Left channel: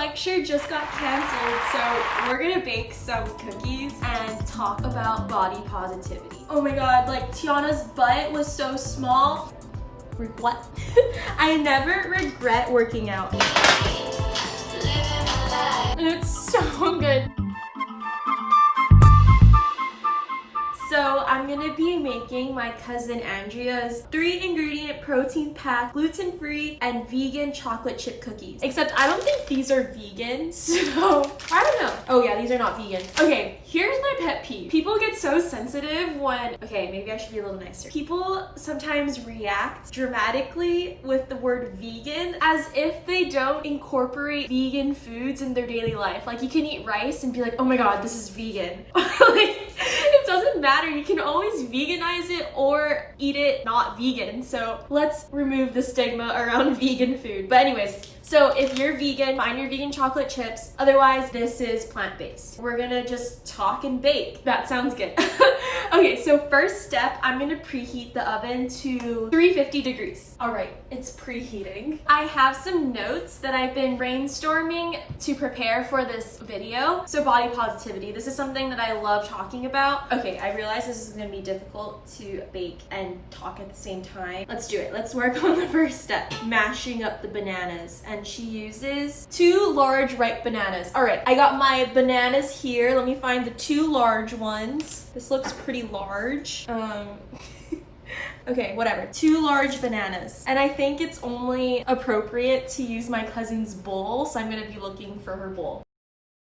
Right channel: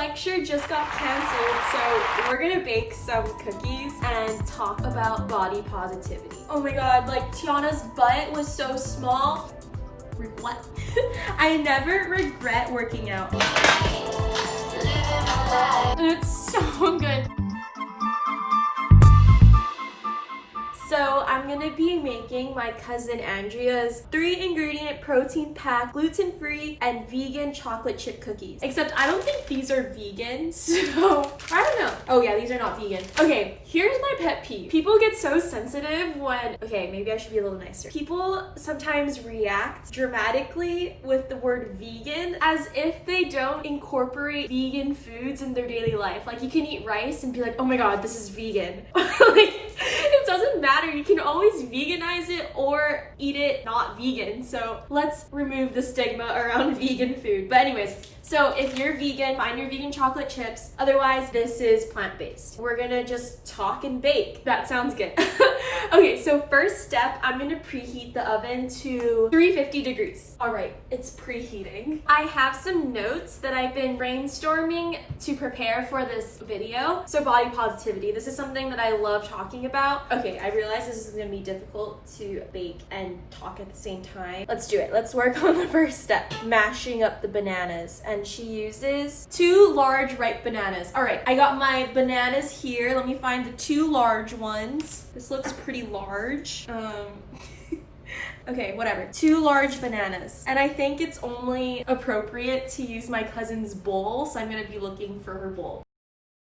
lecture just got canceled, so we're gonna bake some cookies and talk about body positivity. Oh my god, like Tiana's butt was so small. What? I never regret working out. It's so good. So I'm gonna be making my cousin Andrea's 3-ingredient protein-packed, gluten-free, and vegan chocolate chip cookies. Except I don't think these are vegan, so I don't know. Oh yeah, these are not vegan. Okay, here's my pet peeve. People get so sensitive when, okay, maybe I should be a little nicer. People sometimes react dramatically with the word vegan as if they don't incorporate vegan foods in their daily life. Like you can eat rice and be like, oh my god, this is vegan. Like, it doesn't matter. You can always veganize it or eat it not vegan. So let's remove the stigma around vegan food. But anyways, so if you're vegan, find your vegan chocolate chips. Otherwise, this is plant-based. We're gonna just talk and bake. That sounds good. Okay, so first step, I'm gonna preheat the oven to 350 degrees. All right, it's preheating. I have some notes that I've been brainstorming to prepare for this video. So body positivity, this is something that I love talking about. Okay, I realize this is gonna be difficult to bake and talk at the same time. Let's do it. Let's work on the first step, mashing up the bananas. And she uses 2 large ripe bananas. All right, I got my bananas here. Let me find the 2 large ones. This looks pretty large. Okay, whatever. 2 large bananas. And I think it's only appropriate to use my cousin's bowl, so I'm gonna be looking for her bowl.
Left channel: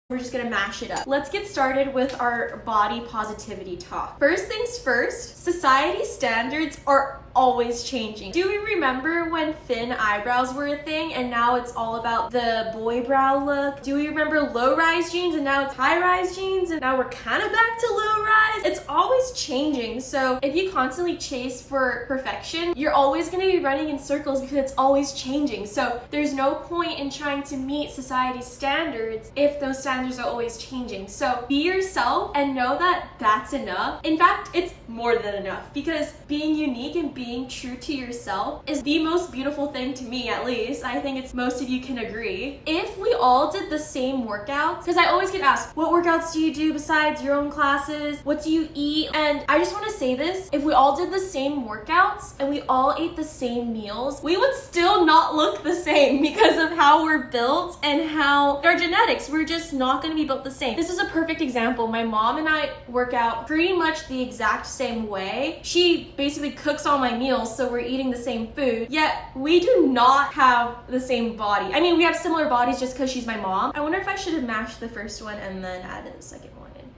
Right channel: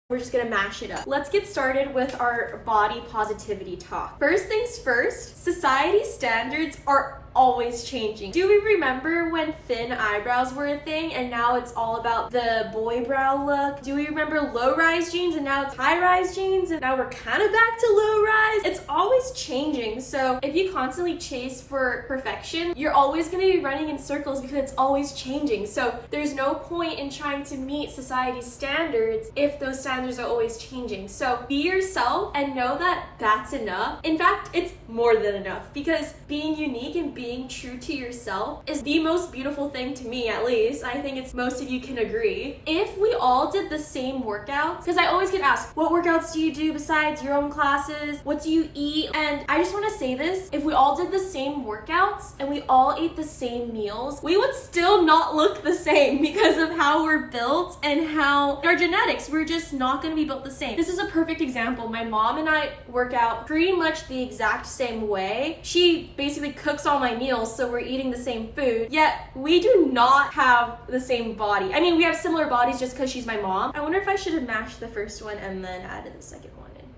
We're just gonna mash it up. Let's get started with our body positivity talk. First things first, society standards are always changing. Do we remember when thin eyebrows were a thing and now it's all about the boy brow look? Do we remember low-rise jeans and now it's high-rise jeans and now we're kind of back to low-rise? It's always changing. So if you constantly chase for perfection, you're always gonna be running in circles because it's always changing. So there's no point in trying to meet society's standards if those standards are always changing. So be yourself and know that that's enough. In fact, it's more than enough because being unique and being true to yourself is the most beautiful thing to me, at least. I think it's most of you can agree. If we all did the same workouts, because I always get asked, what workouts do you do besides your own classes? What do you eat? And I just want to say this, if we all did the same workouts and we all ate the same meals, we would still not look the same because of how we're built and how our genetics, we're just not going to be built the same. This is a perfect example. My mom and I work out pretty much the exact same way. She basically cooks all my meals, so we're eating the same food, yet we do not have the same body. I mean, we have similar bodies just because she's my mom. I wonder if I should have mashed the first one and then added the second one in.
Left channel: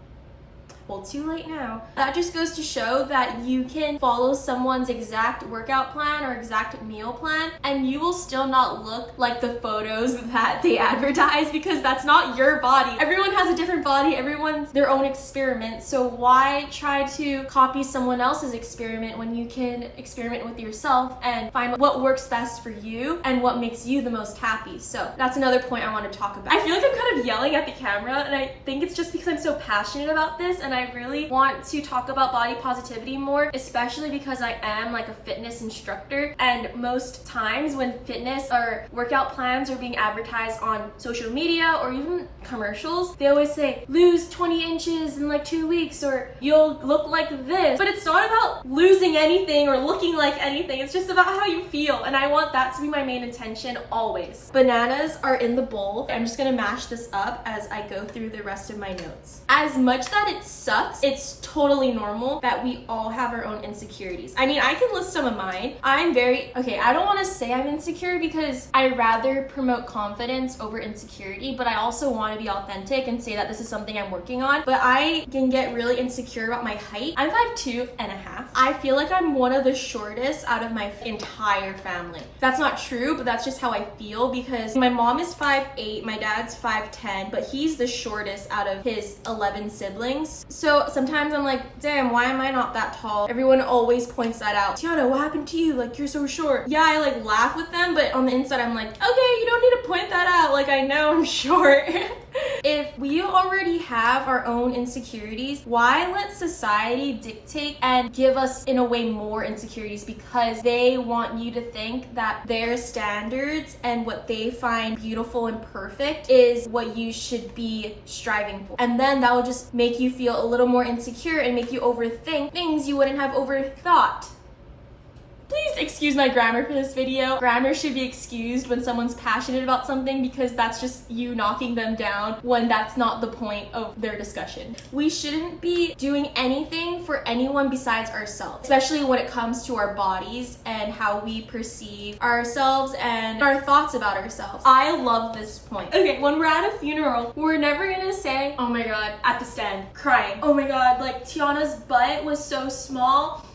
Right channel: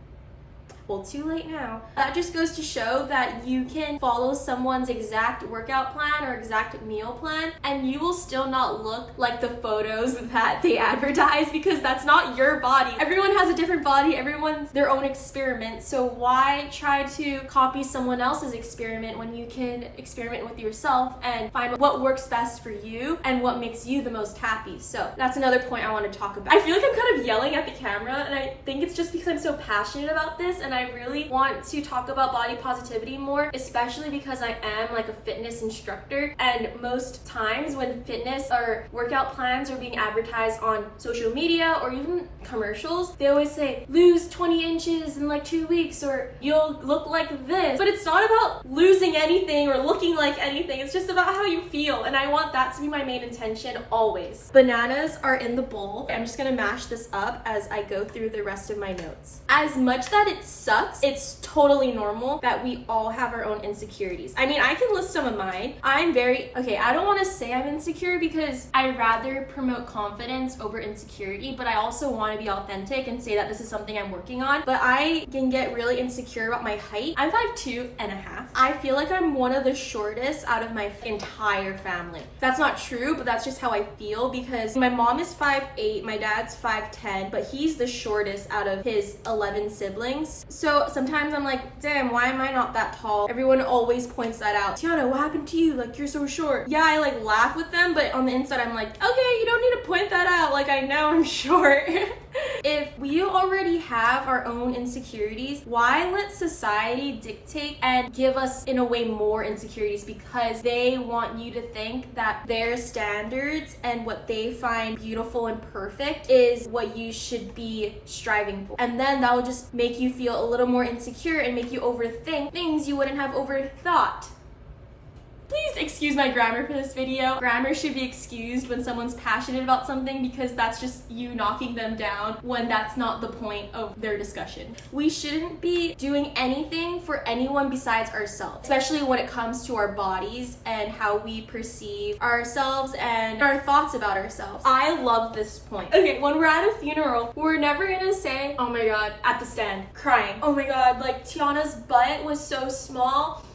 Well, too late now. That just goes to show that you can follow someone's exact workout plan or exact meal plan and you will still not look like the photos that they advertise because that's not your body. Everyone has a different body, everyone's their own experiment, so why try to copy someone else's experiment when you can experiment with yourself and find what works best for you and what makes you the most happy. So that's another point I want to talk about. I feel like I'm kind of yelling at the camera and I think it's just because I'm so passionate about this and I really want to talk about body positivity more, especially because I am like a fitness instructor, and most times when fitness or workout plans are being advertised on social media or even commercials, they always say lose 20 inches in like 2 weeks or you'll look like this. But it's not about losing anything or looking like anything, it's just about how you feel, and I want that to be my main intention always. Bananas are in the bowl. I'm just gonna mash this up as I go through the rest of my notes. As much that it sucks, it's totally normal that we all have our own insecurities. I mean, I can list some of mine. Okay, I don't want to say I'm insecure because I rather promote confidence over insecurity, but I also want to be authentic and say that this is something I'm working on. But I can get really insecure about my height. I'm 5'2.5". I feel like I'm one of the shortest out of my entire family. That's not true, but that's just how I feel because my mom is 5'8", my dad's 5'10", but he's the shortest out of his 11 siblings. So sometimes I'm like, damn, why am I not that tall? Everyone always points that out. Tiana, what happened to you? Like, you're so short. Yeah, I like laugh with them, but on the inside I'm like, okay, you don't need to point that out. Like, I know I'm short. if we already have our own insecurities, why let society dictate and give us in a way more insecurities because they want you to think that their standards and what they find beautiful and perfect is what you should be striving for. And then that will just make you feel a little more insecure and make you overthink things you wouldn't have overthought. Please excuse my grammar for this video. Grammar should be excused when someone's passionate about something because that's just you knocking them down when that's not the point of their discussion. We shouldn't be doing anything for anyone besides ourselves, especially when it comes to our bodies and how we perceive ourselves and our thoughts about ourselves. I love this point. Okay, when we're at a funeral, we're never gonna say, oh my god, at the stand, crying. Oh my god, like Tiana's butt was so small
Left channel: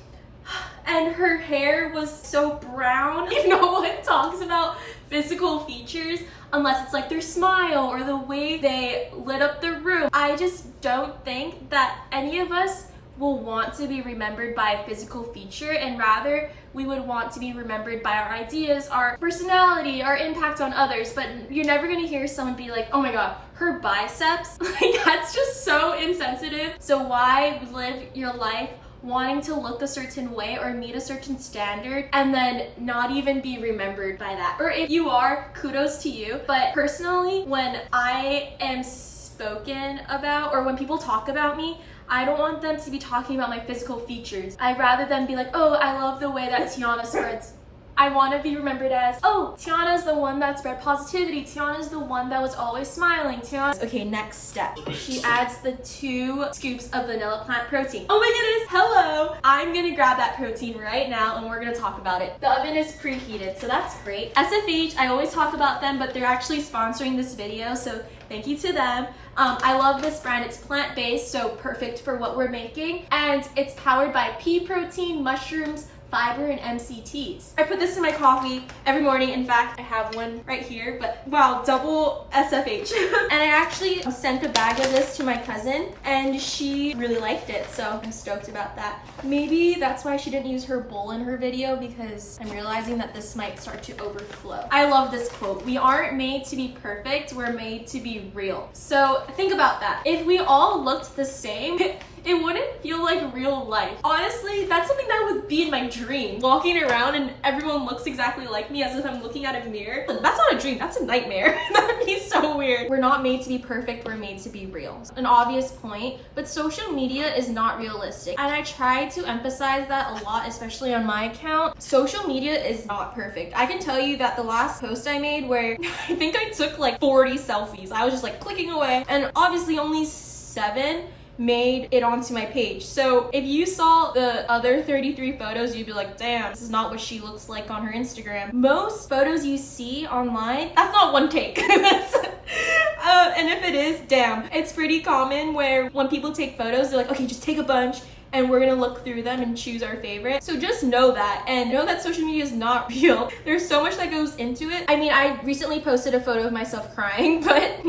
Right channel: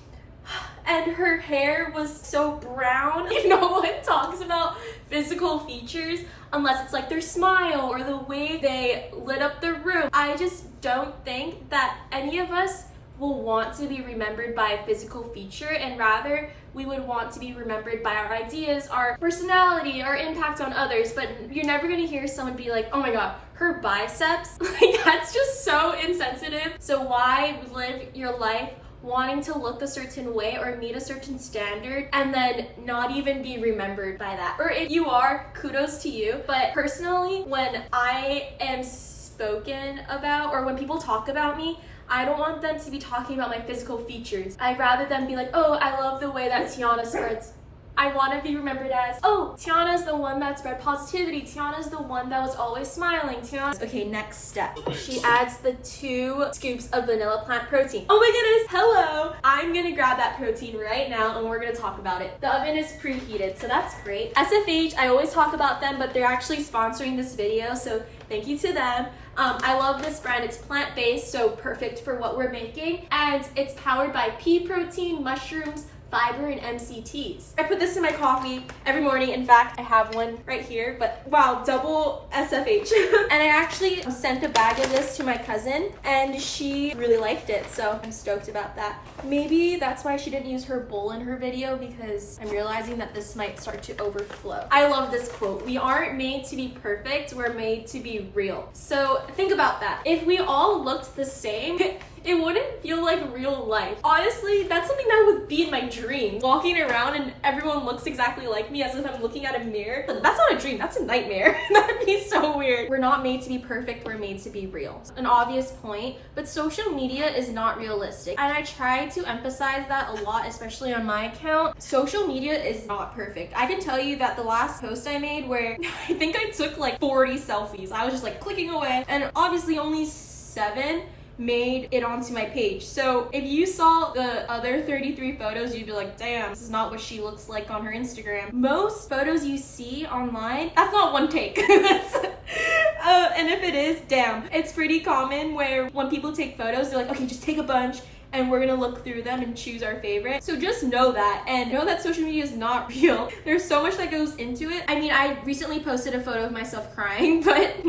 and her hair was so brown. No one talks about physical features unless it's like their smile or the way they lit up the room. I just don't think that any of us will want to be remembered by a physical feature, and rather we would want to be remembered by our ideas, our personality, our impact on others. But you're never gonna hear someone be like, oh my god, her biceps. Like, that's just so insensitive. So why live your life wanting to look a certain way or meet a certain standard and then not even be remembered by that? Or if you are, kudos to you. But personally, when I am spoken about or when people talk about me, I don't want them to be talking about my physical features. I'd rather them be like, oh, I love the way that Tiana spreads. I want to be remembered as, oh, Tiana's the one that spread positivity. Tiana's the one that was always smiling. Tiana's... Okay, next step. She adds the 2 scoops of vanilla plant protein. Oh my goodness, hello. I'm gonna grab that protein right now and we're gonna talk about it. The oven is preheated, so that's great. SFH, I always talk about them, but they're actually sponsoring this video, so thank you to them. I love this brand. It's plant-based, so perfect for what we're making. And it's powered by pea protein, mushrooms, fiber, and MCTs. I put this in my coffee every morning. In fact, I have one right here, but wow, double SFH. And I actually sent a bag of this to my cousin and she really liked it, so I'm stoked about that. Maybe that's why she didn't use her bowl in her video, because I'm realizing that this might start to overflow. I love this quote. We aren't made to be perfect, we're made to be real. So think about that. If we all looked the same, it wouldn't feel like real life. Honestly, that's something that would be in my dream. Walking around and everyone looks exactly like me as if I'm looking at a mirror. That's not a dream, that's a nightmare. That'd be so weird. We're not made to be perfect, we're made to be real. An obvious point, but social media is not realistic. And I try to emphasize that a lot, especially on my account. Social media is not perfect. I can tell you that the last post I made where I think I took like 40 selfies. I was just like clicking away, and obviously only 7 made it onto my page. So if you saw the other 33 photos, you'd be like, damn, this is not what she looks like on her Instagram. Most photos you see online, that's not one take. And if it is, damn. It's pretty common where when people take photos, they're like, okay, just take a bunch and we're gonna look through them and choose our favorite. So just know that, and know that social media is not real. There's so much that goes into it. I mean, I recently posted a photo of myself crying, but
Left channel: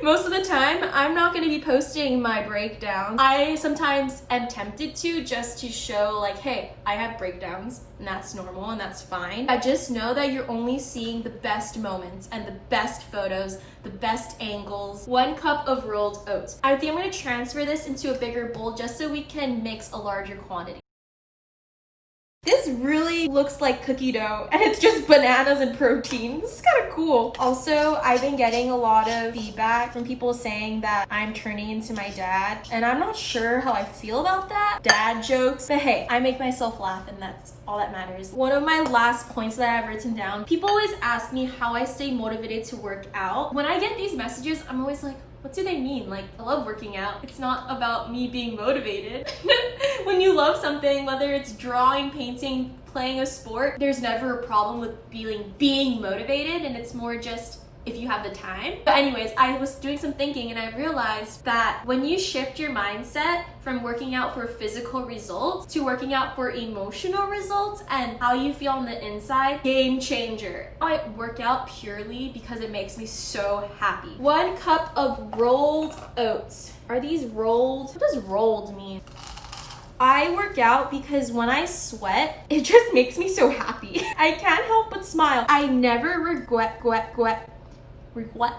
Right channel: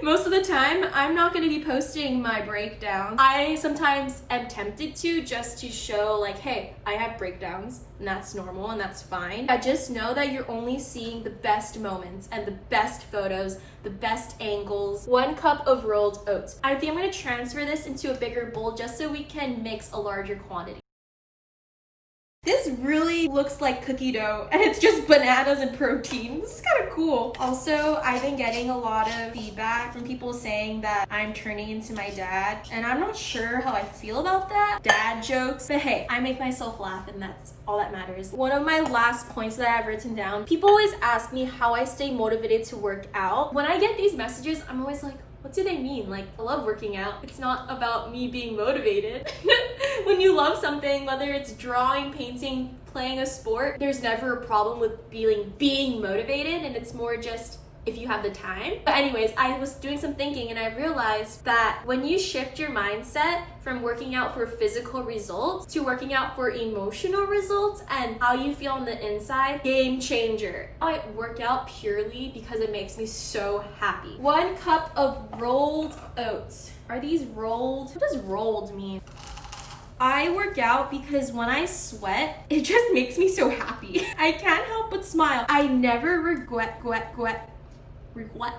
most of the time, I'm not gonna be posting my breakdown. I sometimes am tempted to, just to show like, hey, I have breakdowns, and that's normal and that's fine. I just know that you're only seeing the best moments and the best photos, the best angles. 1 cup of rolled oats. I think I'm gonna transfer this into a bigger bowl just so we can mix a larger quantity. This really looks like cookie dough, and it's just bananas and protein. This is kind of cool. Also, I've been getting a lot of feedback from people saying that I'm turning into my dad, and I'm not sure how I feel about that. Dad jokes, but hey, I make myself laugh, and that's all that matters. One of my last points that I've written down, people always ask me how I stay motivated to work out. When I get these messages, I'm always like, what do they mean? Like, I love working out. It's not about me being motivated. When you love something, whether it's drawing, painting, playing a sport, there's never a problem with being motivated, and it's more just if you have the time. But anyways, I was doing some thinking and I realized that when you shift your mindset from working out for physical results to working out for emotional results and how you feel on the inside, game changer. I work out purely because it makes me so happy. 1 cup of rolled oats. Are these rolled? What does rolled mean? I work out because when I sweat, it just makes me so happy. I can't help but smile. I never regret what?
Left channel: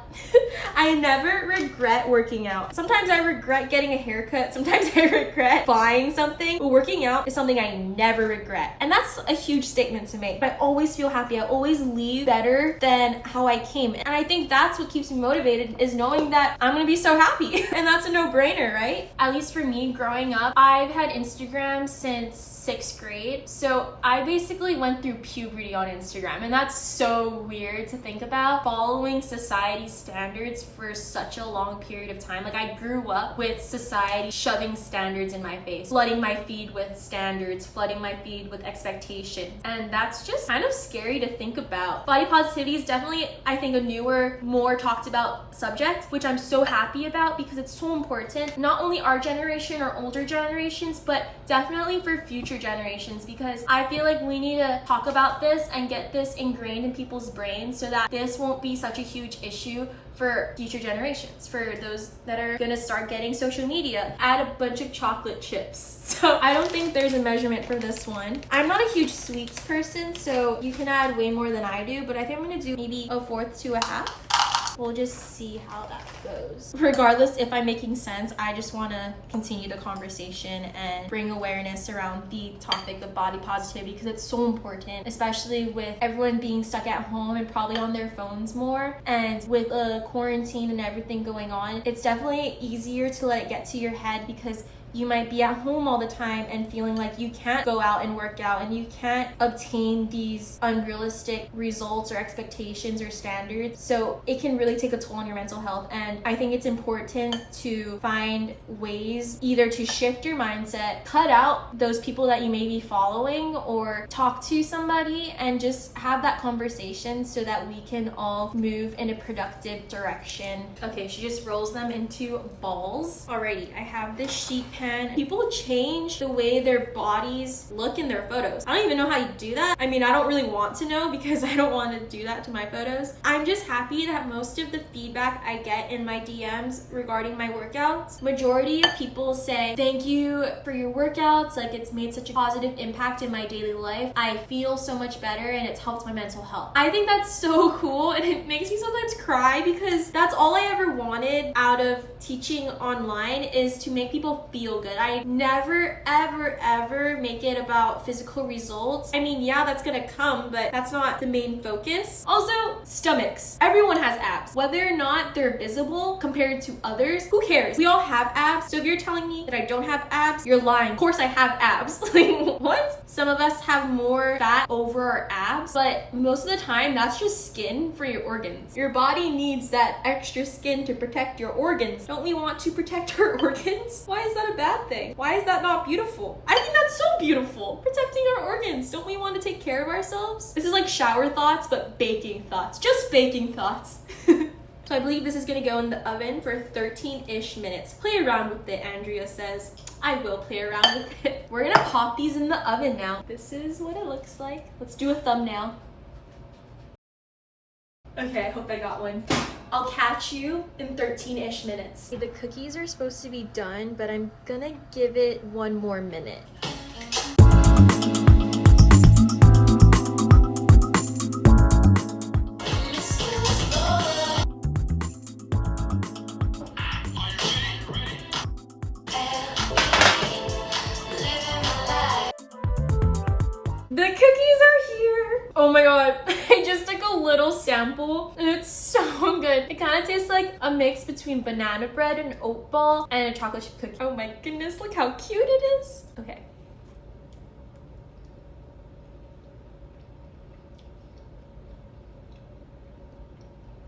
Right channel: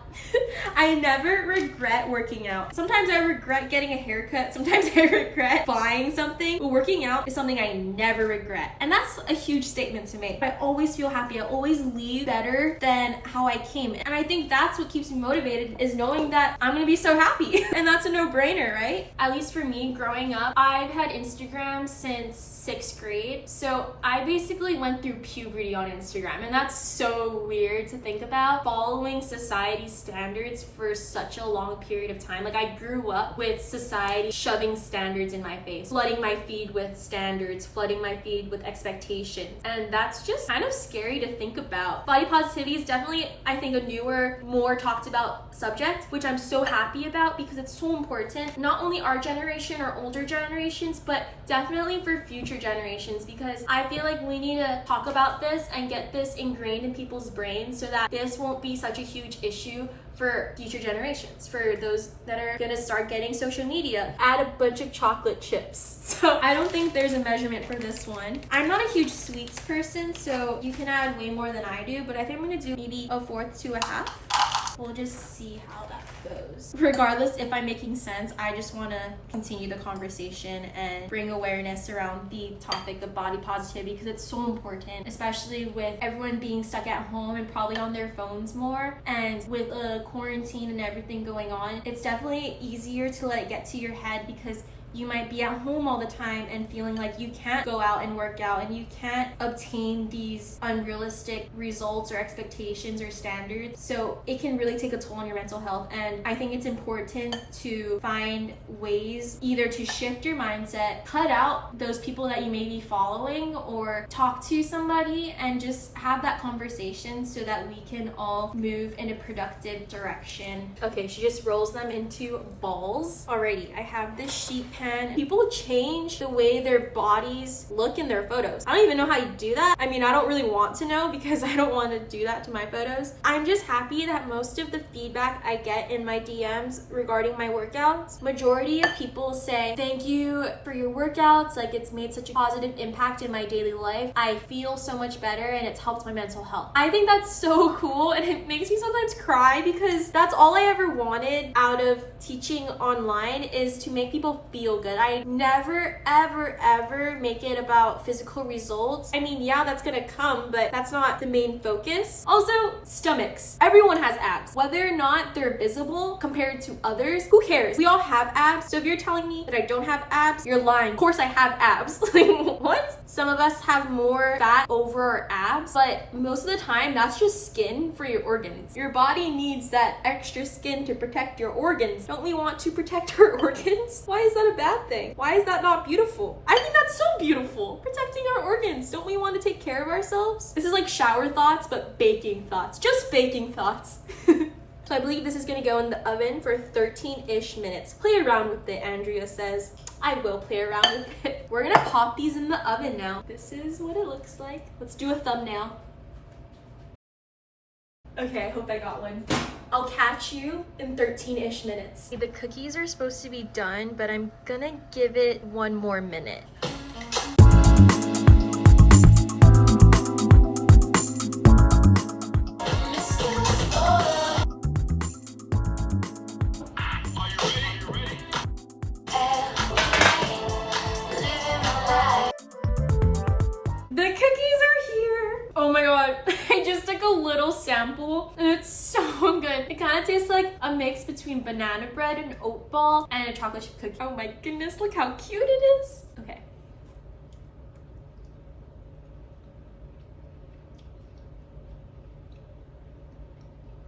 I never regret working out. Sometimes I regret getting a haircut. Sometimes I regret buying something. But working out is something I never regret. And that's a huge statement to make. I always feel happy. I always leave better than how I came. And I think that's what keeps me motivated, is knowing that I'm gonna be so happy. And that's a no-brainer, right? At least for me, growing up, I've had Instagram since 6th grade. So I basically went through puberty on Instagram. And that's so weird to think about, following society standards for such a long period of time. Like, I grew up with society shoving standards in my face, flooding my feed with standards, flooding my feed with expectations. And that's just kind of scary to think about. Body positivity is definitely, I think, a newer, more talked about subject, which I'm so happy about because it's so important. Not only our generation or older generations, but definitely for future generations, because I feel like we need to talk about this and get this ingrained in people's brains so that this won't be such a huge issue for future generations, for those that are gonna start getting social media. Add a bunch of chocolate chips. So I don't think there's a measurement for this one. I'm not a huge sweets person, so you can add way more than I do, but I think I'm gonna do maybe 1/4 to 1/2. We'll just see how that goes. Regardless if I'm making sense, I just want to continue the conversation and bring awareness around the topic of body positivity, because it's so important, especially with everyone being stuck at home and probably on their phones more. And with quarantine and everything going on, it's definitely easier to let it get to your head, because you might be at home all the time and feeling like you can't go out and work out and you can't obtain these unrealistic results or expectations or standards. So it can really take a toll on your mental health. And I think it's important to find ways either to shift your mindset, cut out those people that you may be following, or talk to somebody and just have that conversation so that we can all move in a productive direction. Okay, she just rolls them into balls. Alrighty, I have this sheet pan. People change the way their bodies look in their photos. I don't even know how you do that. I mean, I don't really want to know because I don't want to do that to my photos. I'm just happy that most of the feedback I get in my DMs regarding my workouts, majority of people say, thank you for your workouts. Like, it's made such a positive impact in my daily life. I feel so much better and it's helped my mental health. I think that's so cool, and it makes me sometimes cry because that's all I ever wanted out of teaching online, is to make people feel good. I never, ever make it about physical results. I mean, yeah, that's gonna come, but that's not the main focus. Also, stomachs. Everyone has abs. Whether or not they're visible compared to others, who cares? We all have abs. So if you're telling me that I don't have abs, you're lying. Of course I have abs. Like, what? Some of us have more fat over our abs, but most of the time that's just skin for your organs. Your body needs that extra skin to protect your organs. Don't we want to protect our organs? Why is that a bad thing? Why is that not beautiful? I think that's so beautiful. Protecting our organs. Don't we want to take care of ourselves? This is like shower thoughts, but baking thoughts. Just baking thoughts. So I believe this is gonna go in the oven for 13-ish minutes. Play around with it, Andrea says. I will play around with it. We're gonna pop these in the oven now. This is what it looks like. Let's do a thumbnail. Okay, I hope I got one. I'll catch you in 13-ish minutes. The cookies are supposed to be done, but I'm gonna give it 1 more minute. The cookies are here. Oh my god, I just took a little sample and it's so good. It kind of tastes like a mix between banana bread and oat ball and a chocolate chip cookie. Oh my goodness, look how cute it is. Okay.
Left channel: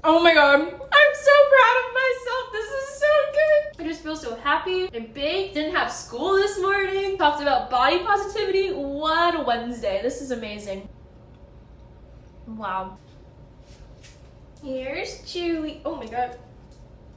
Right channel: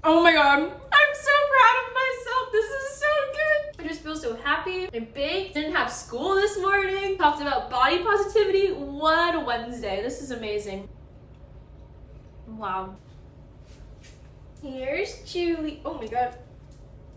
Oh my god, I'm so proud of myself. This is so good. I just feel so happy and baked. Didn't have school this morning. Talked about body positivity. What a Wednesday. This is amazing. Wow. Here's Chewy. Oh my god.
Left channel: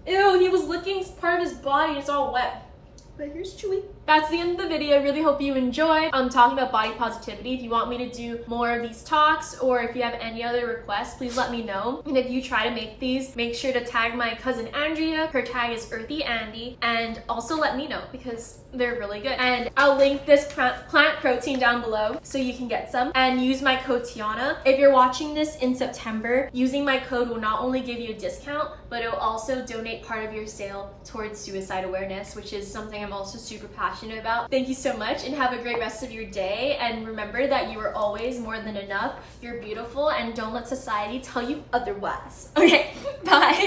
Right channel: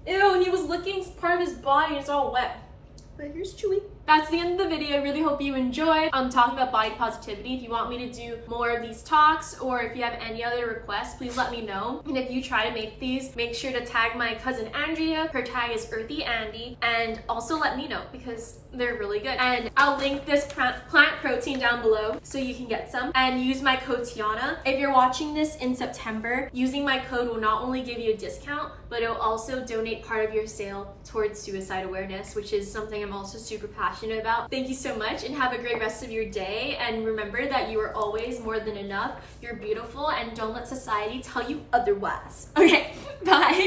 Ew, he was licking part of his body. It's all wet. But here's Chewy. that's the end of the video. Really hope you enjoyed. I'm talking about body positivity. If you want me to do more of these talks, or if you have any other requests, please let me know. And if you try to make these, make sure to tag my cousin Andrea. Her tag is Earthy Andy, and also let me know because they're really good. And I'll link this plant protein down below so you can get some, and use my code Tiana. If you're watching this in September, using my code will not only give you a discount, but it'll also donate part of your sale towards suicide awareness, which is something I'm also super passionate about. Thank you so much, and have a great rest of your day. And remember that you are always more than enough. You're beautiful, and don't let society tell you otherwise. Okay, bye.